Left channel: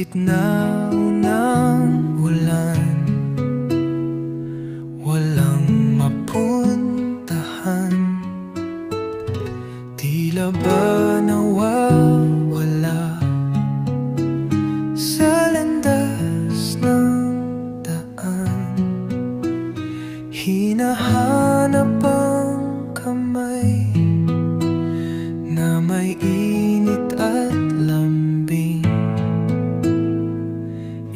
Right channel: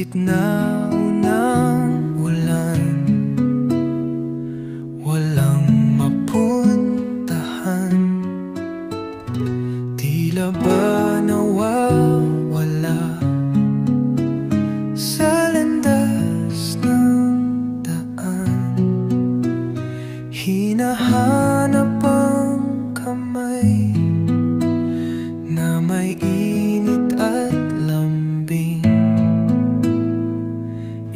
gitna ng ulan, walang mapuntahan, tila ba nawawala sa landas ng daan. Hinahanap ang kamay na may init at lambing,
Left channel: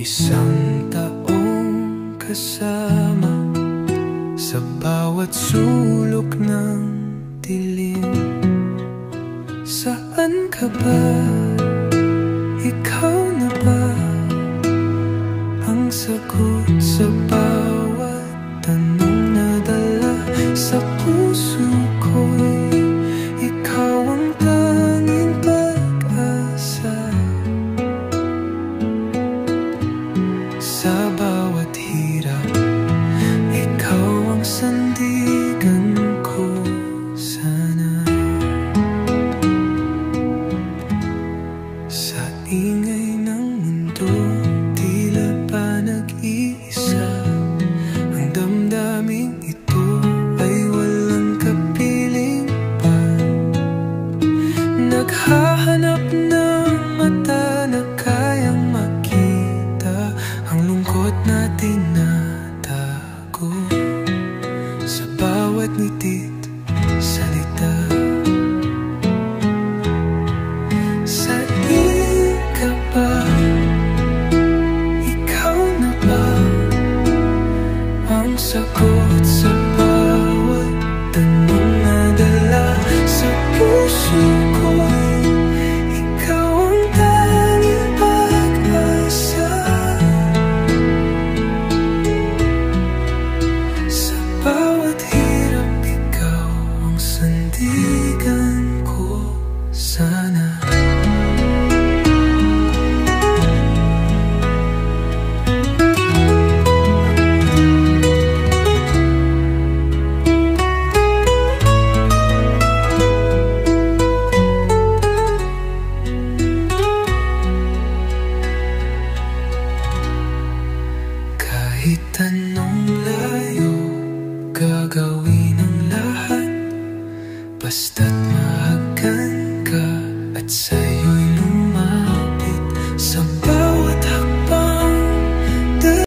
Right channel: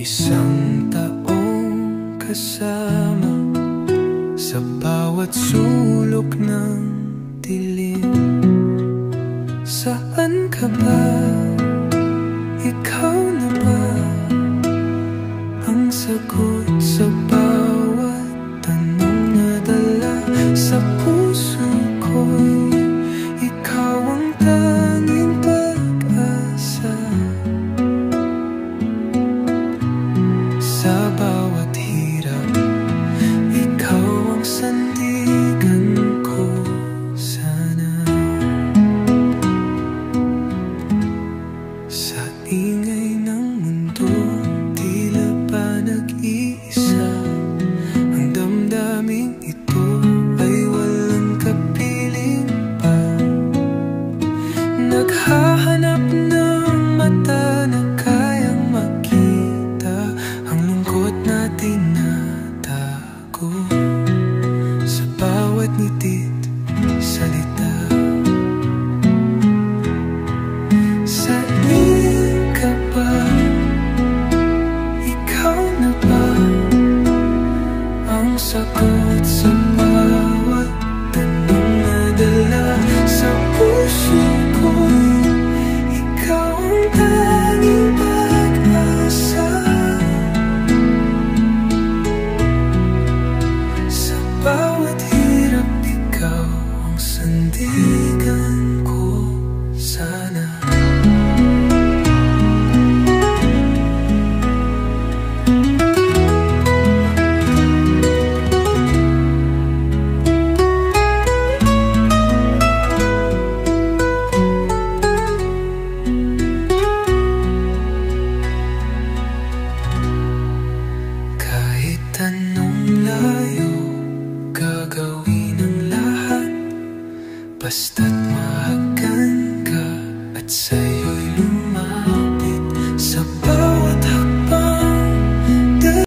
isang taong kasama sa bawat sulok ng dilim. Saan ka ba? Ikaw na ba ang sagot sa bawat tanong na dala sa puso ko'y ikaw ang tanging pag-asa. Sa bawat hirap, ikaw ang sandigan ko sana. Sa ingay ng mundo, tila ba nag-iisa, ang damdaming ito ay walang kapiling pa. Naghahanap ng mata na kayang makita ang lungkot na tinatago sa bawat ngiti't salita. Saan ka ba? Ikaw na ba ang sagot sa bawat tanong na dala sa puso ko'y ikaw ang tanging pag-asa. Sa bawat hirap, ikaw ang sandigan ko sana. Kahit anong